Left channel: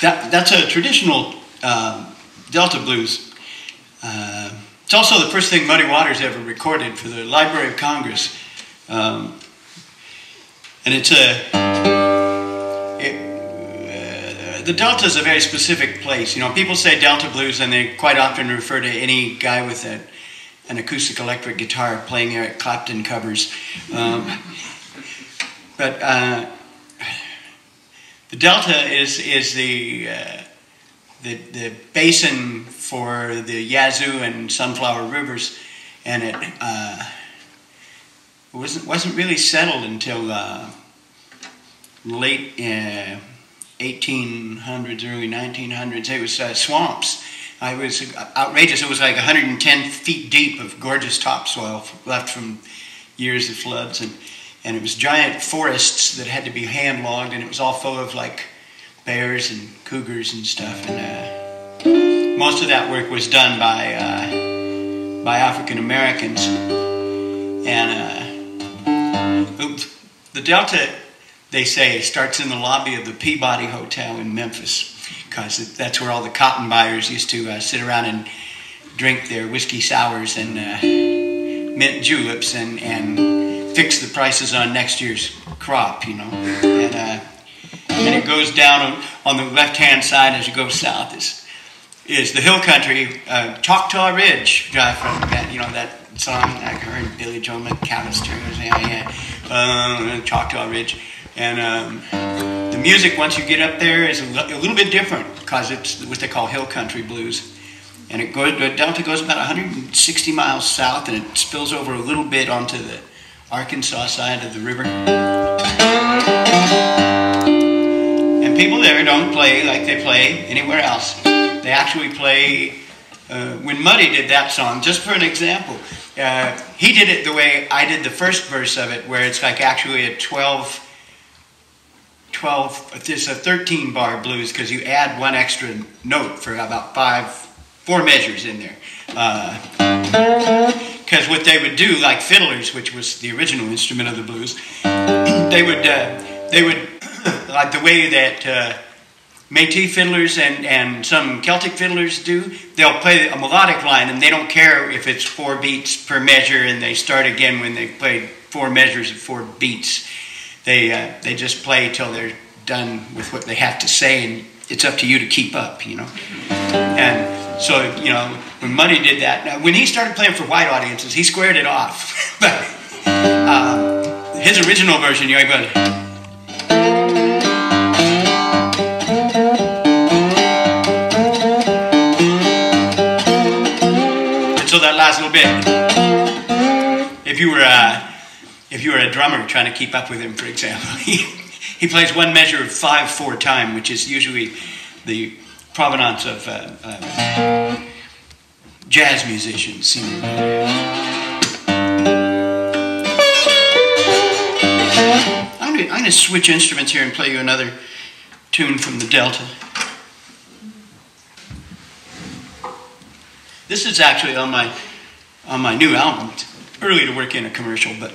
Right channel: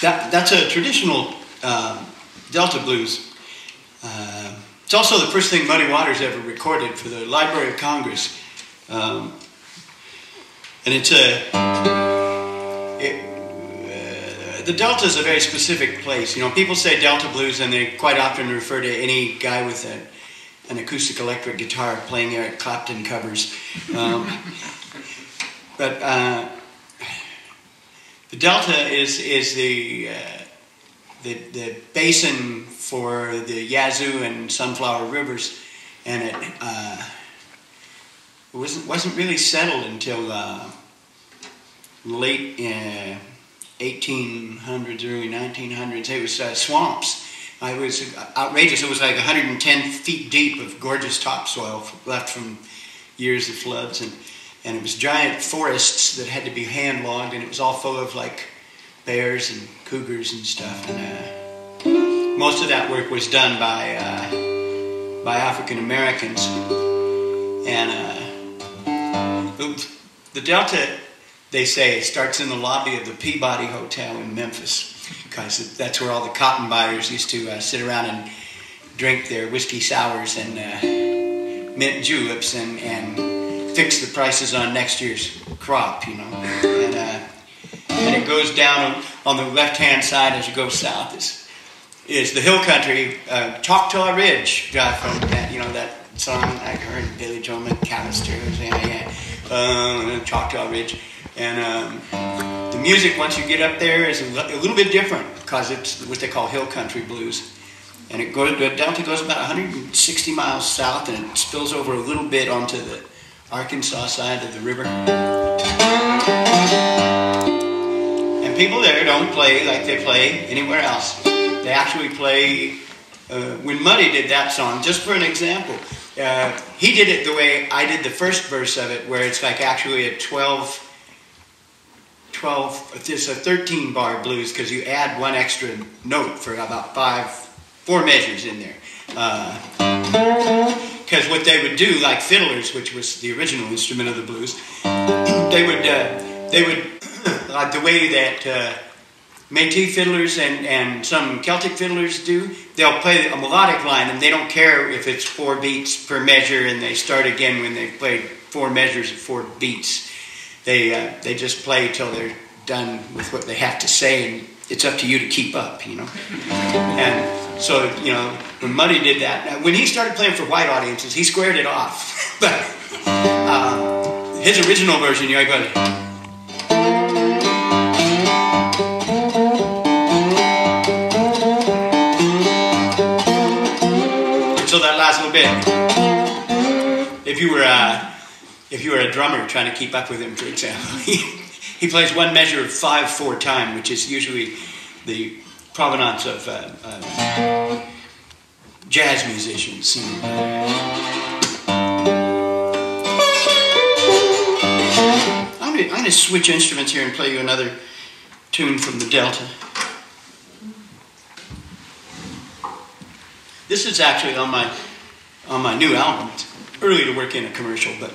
That's a traditional Delta blues. It's also the first thing Muddy Waters ever recorded for the Library of Congress. And it's the Delta is a very specific place. You know, people say Delta blues, and they quite often refer to any guy with an acoustic electric guitar playing Eric Clapton covers. But the Delta is the basin for the Yazoo and Sunflower Rivers, and it wasn't really settled until late 1800s, early 1900s. It was swamps. It was outrageous. It was like 110 feet deep of gorgeous topsoil left from years of floods, and it was giant forests that had to be hand logged, and it was all full of like bears and cougars and stuff. And most of that work was done by African Americans. And the Delta, they say, starts in the lobby of the Peabody Hotel in Memphis, because that's where all the cotton buyers used to sit around and drink their whiskey sours and mint juleps and fix the prices on next year's crop, you know. And it goes down on the left-hand side as you go south is the hill country, Choctaw Ridge, from that, you know, that song I heard Billy Joe McAllister was Choctaw Ridge. And the music, once you get up there, is a little bit different, because it's what they call hill country blues. And the Delta goes about 160 miles south, and it spills over a little bit onto the Arkansas side of the river. And people there don't play like they play anywhere else. They actually play, when Muddy did that song, just for an example, he did it the way I did the first verse of it, where it's like actually a 12, it's a 13 bar blues, because you add one extra note for about 4 measures in there. Because what they would do, like fiddlers, which was the original instrument of the blues, they would like the way that Métis fiddlers and some Celtic fiddlers do, they'll play a melodic line, and they don't care if it's 4 beats per measure, and they start again when they played 4 measures of 4 beats. They just play till they're done with what they have to say, and it's up to you to keep up, you know. And so, you know, when Muddy did that, when he started playing for white audiences, he squared it off. But his original version, you know, he goes, and so that last little bit, if you were a drummer trying to keep up with him, for example, he plays one measure of 5/4 time, which is usually the provenance of jazz musicians. I'm going to switch instruments here and play you another tune from the Delta. This is actually on my new album. It's early to work in a commercial, but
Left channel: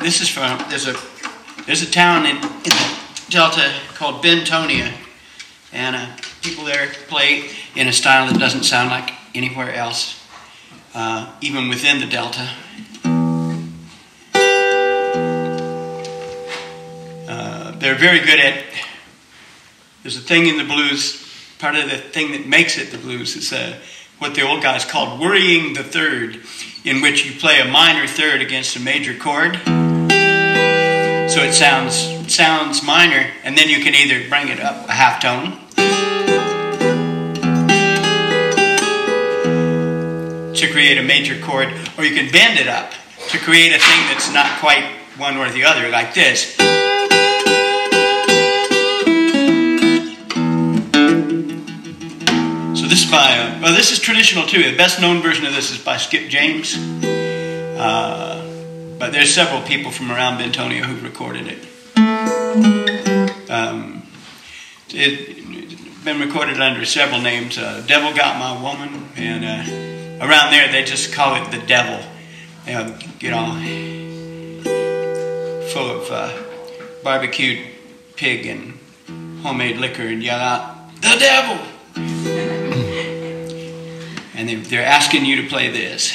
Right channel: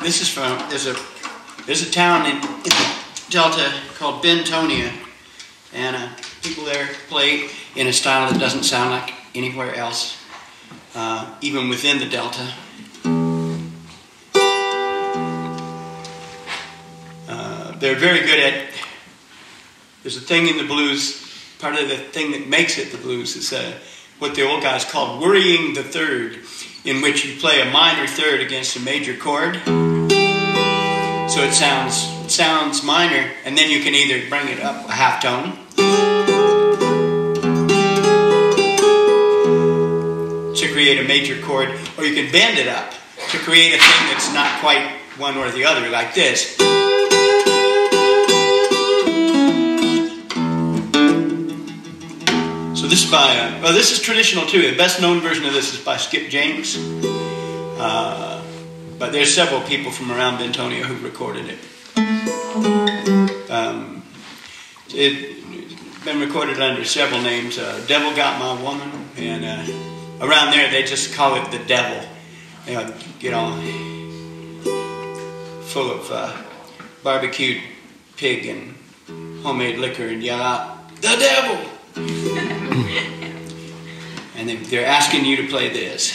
this is from there's a town in the Delta called Bentonia, and people there play in a style that doesn't sound like anywhere else, even within the Delta. They're very good at, there's a thing in the blues, part of the thing that makes it the blues is what the old guys called worrying the third, in which you play a minor third against a major chord. So it sounds minor, and then you can either bring it up a half tone to create a major chord, or you can bend it up to create a thing that's not quite one or the other, like this. So this is by, well, this is traditional too. The best known version of this is by Skip James. But there's several people from around Bentonia who've recorded it. It's been recorded under several names. Devil Got My Woman, and around there they just call it the Devil. You know, full of barbecued pig and homemade liquor and yell out, "The devil!" And they're asking you to play this.